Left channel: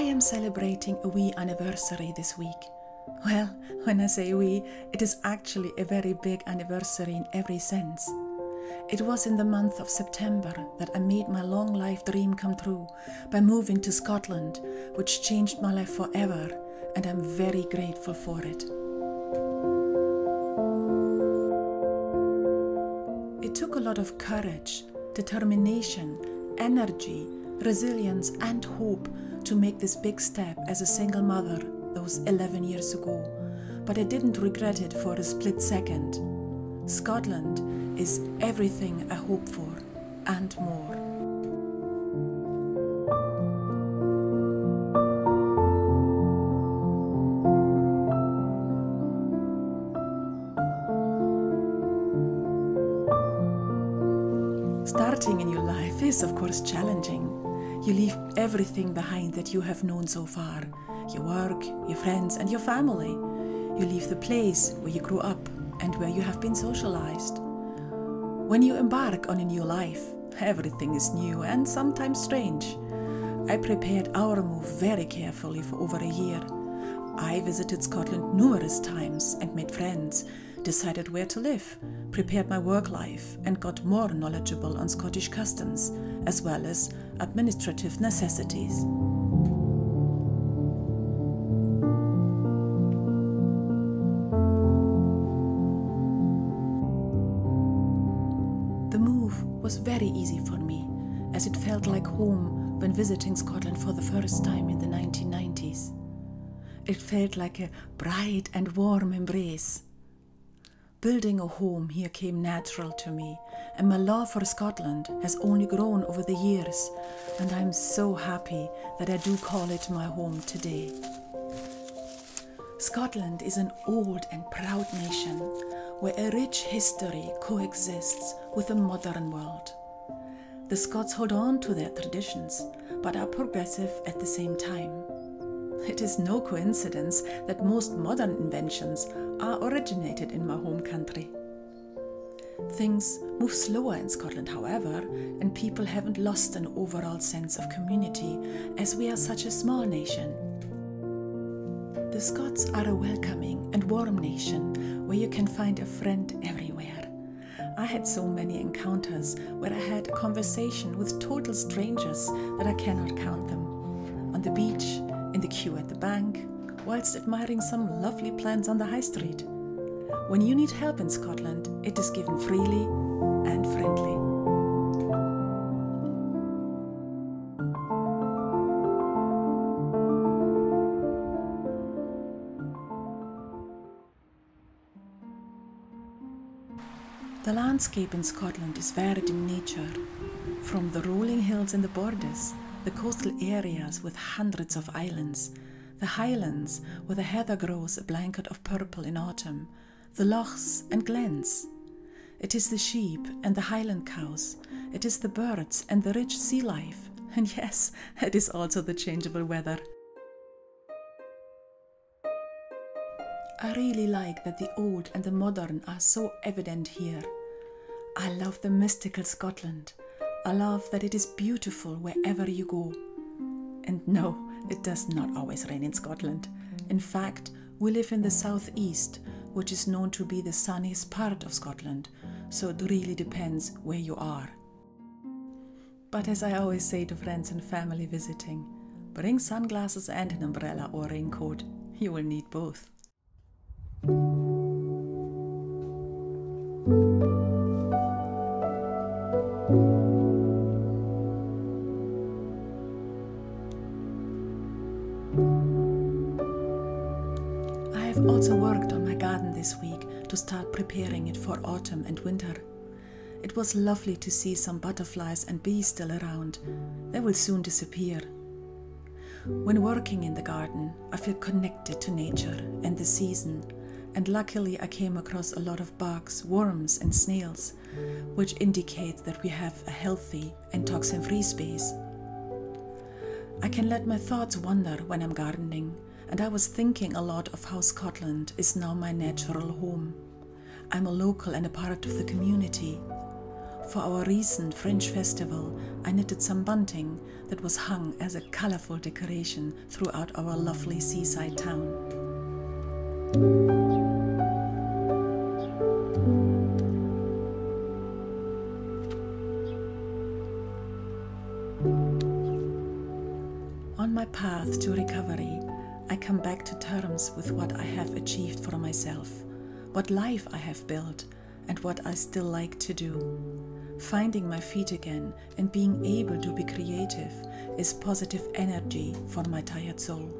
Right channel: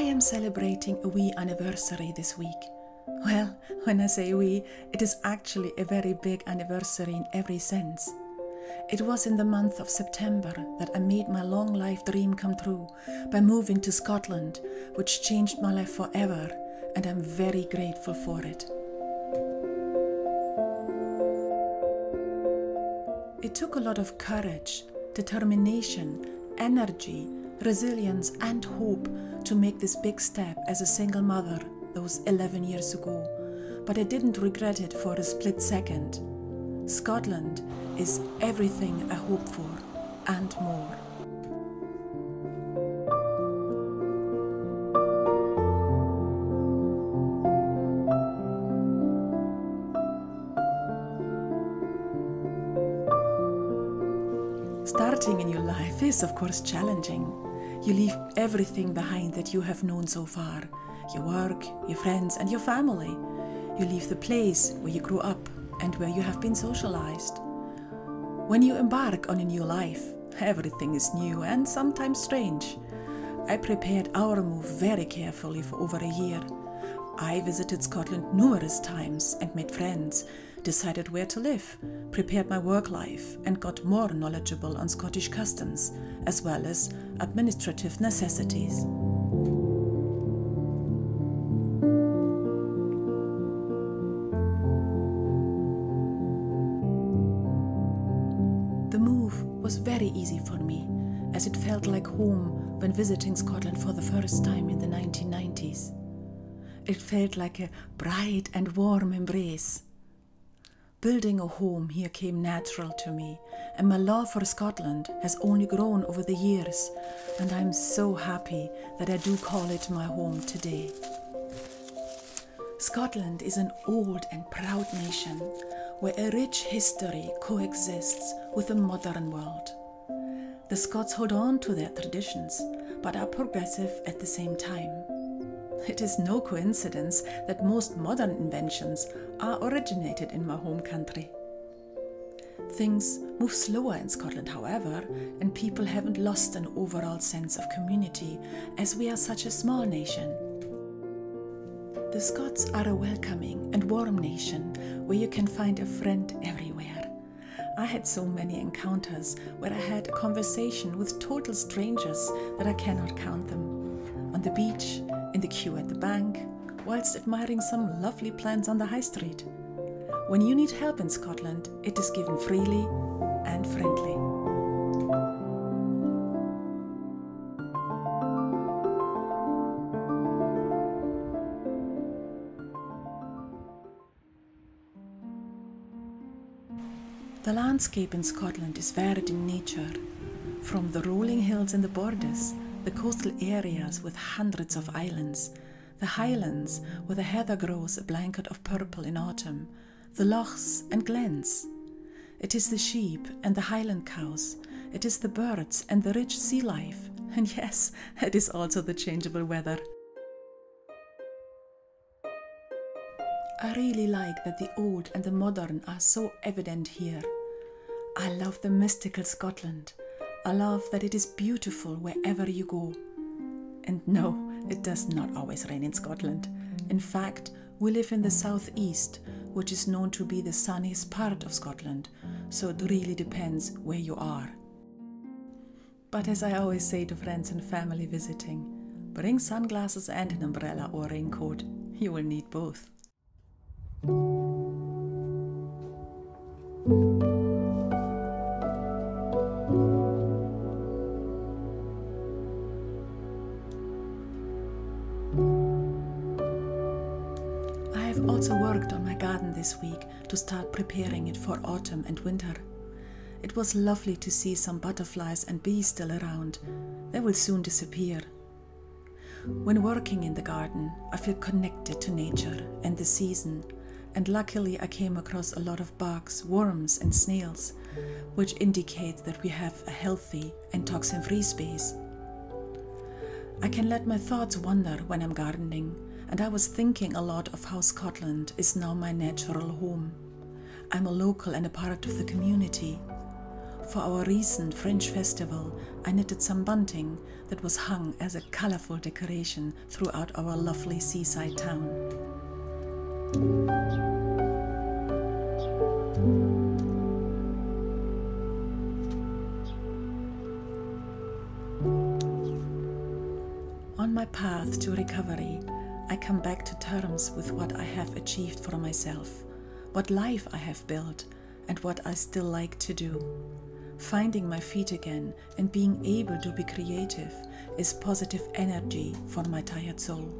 I am celebrating a wee anniversary this week. Well, when I say wee, it is actually a very big anniversary in every sense. It was in the month of September that I made my long life dream come true by moving to Scotland, which changed my life forever, and I'm very grateful for it. It took a lot of courage, determination, energy, resilience and hope to make this big step as a single mother those 11 years ago, but I didn't regret it for a split second. Scotland is everything I hope for and more. Starting a new life is of course challenging. You leave everything behind that you have known so far. Your work, your friends and your family. You leave the place where you grew up and where you have been socialized. When you embark on a new life, everything is new and sometimes strange. I prepared our move very carefully for over a year. I visited Scotland numerous times and made friends, decided where to live, prepared my work life and got more knowledgeable on Scottish customs as well as administrative necessities. The move was very easy for me, as it felt like home when visiting Scotland for the first time in the 1990s. It felt like a bright and warm embrace. Building a home here came natural to me, and my love for Scotland has only grown over the years, and I'm so happy that I do call it my home today. Scotland is an old and proud nation where a rich history coexists with a modern world. The Scots hold on to their traditions, but are progressive at the same time. It is no coincidence that most modern inventions are originated in my home country. Things move slower in Scotland, however, and people haven't lost an overall sense of community, as we are such a small nation. The Scots are a welcoming and warm nation where you can find a friend everywhere. I had so many encounters where I had a conversation with total strangers that I cannot count them. On the beach, in the queue at the bank, whilst admiring some lovely plants on the high street. When you need help in Scotland, it is given freely and friendly. The landscape in Scotland is varied in nature, from the rolling hills in the borders, the coastal areas with hundreds of islands, the highlands where the heather grows a blanket of purple in autumn, the lochs and glens. It is the sheep and the highland cows, it is the birds and the rich sea life, and yes, it is also the changeable weather. I really like that the old and the modern are so evident here. I love the mystical Scotland. I love that it is beautiful wherever you go. And no, it does not always rain in Scotland. In fact, we live in the southeast, which is known to be the sunniest part of Scotland, so it really depends where you are. But as I always say to friends and family visiting, bring sunglasses and an umbrella or raincoat. You will need both. I have also worked on my garden this week to start preparing it for autumn and winter. It was lovely to see some butterflies and bees still around. They will soon disappear. When working in the garden, I feel connected to nature and the season, and luckily I came across a lot of bugs, worms and snails, which indicates that we have a healthy and toxin-free space. I can let my thoughts wander when I'm gardening, and I was thinking a lot of how Scotland is now my natural home. I'm a local and a part of the community. For our recent French festival, I knitted some bunting that was hung as a colorful decoration throughout our lovely seaside town. On my path to recovery, I come back to terms with what I have achieved for myself, what life I have built, and what I still like to do. Finding my feet again and being able to be creative is positive energy for my tired soul.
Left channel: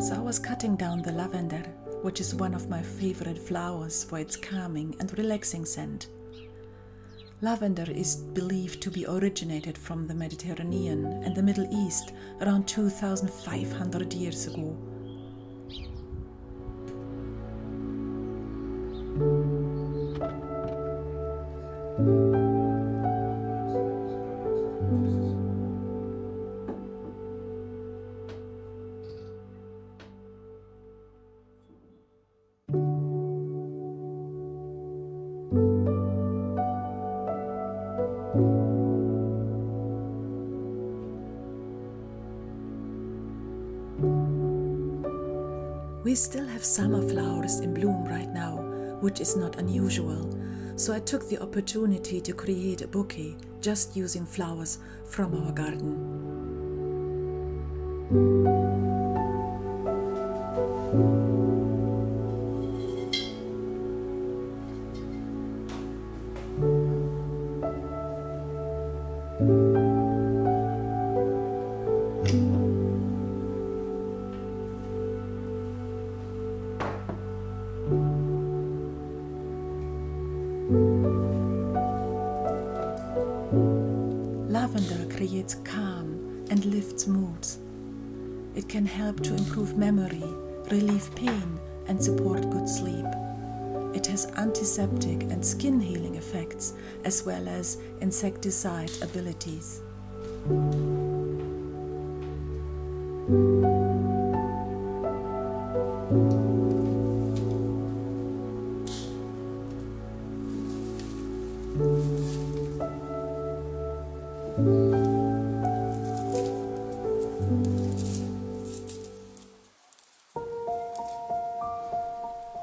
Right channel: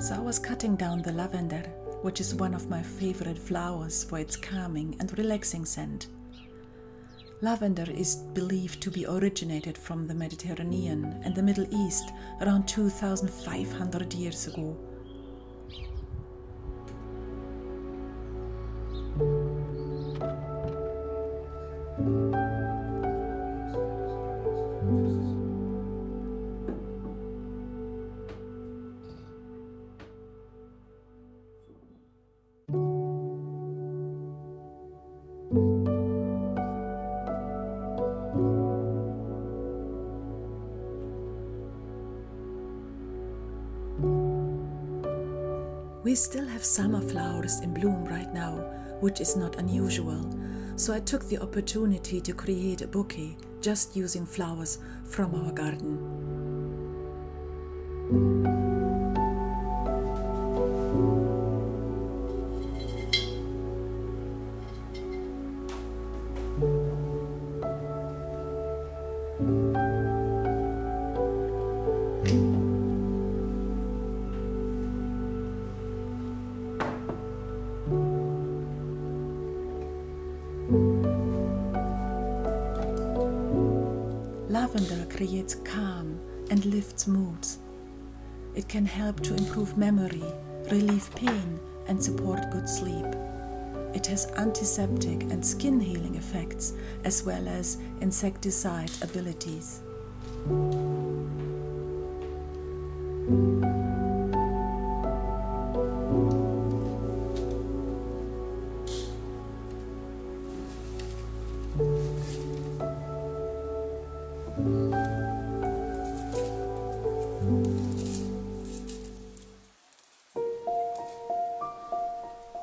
So I was cutting down the lavender, which is one of my favorite flowers for its calming and relaxing scent. Lavender is believed to be originated from the Mediterranean and the Middle East around 2,500 years ago. We still have summer flowers in bloom right now, which is not unusual, so I took the opportunity to create a bouquet just using flowers from our garden. Lavender creates calm and lifts moods. It can help to improve memory, relieve pain, and support good sleep. It has antiseptic and skin healing effects, as well as insecticide abilities.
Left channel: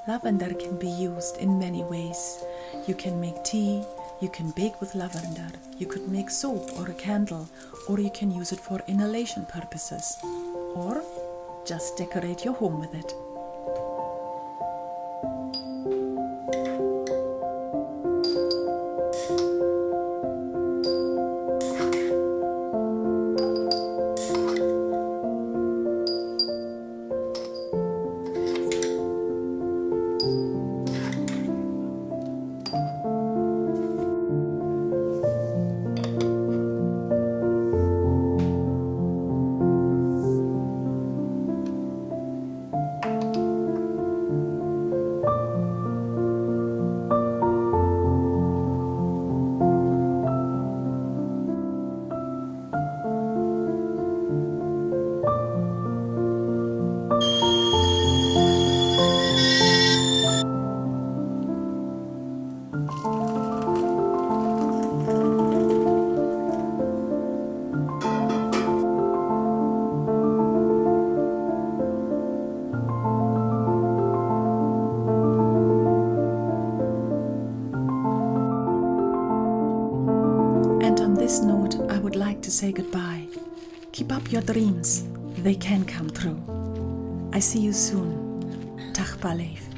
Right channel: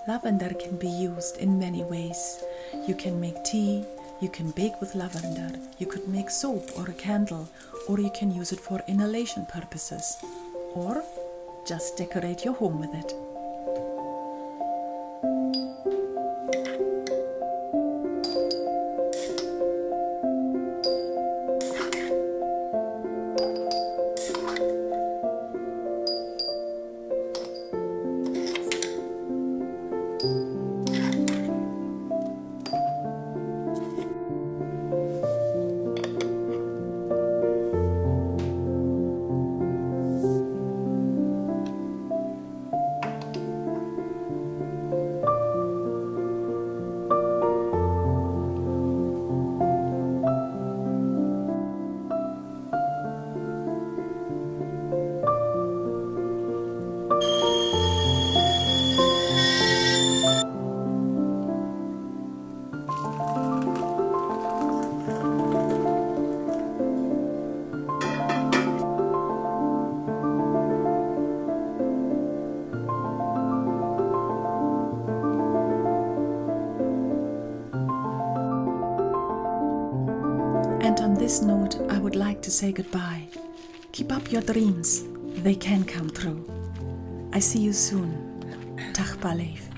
Lavender can be used in many ways. You can make tea, you can bake with lavender, you could make soap or a candle, or you can use it for inhalation purposes, or just decorate your home with it. And on this note, I would like to say goodbye. Keep up your dreams. They can come true. I see you soon. Dag Paleef.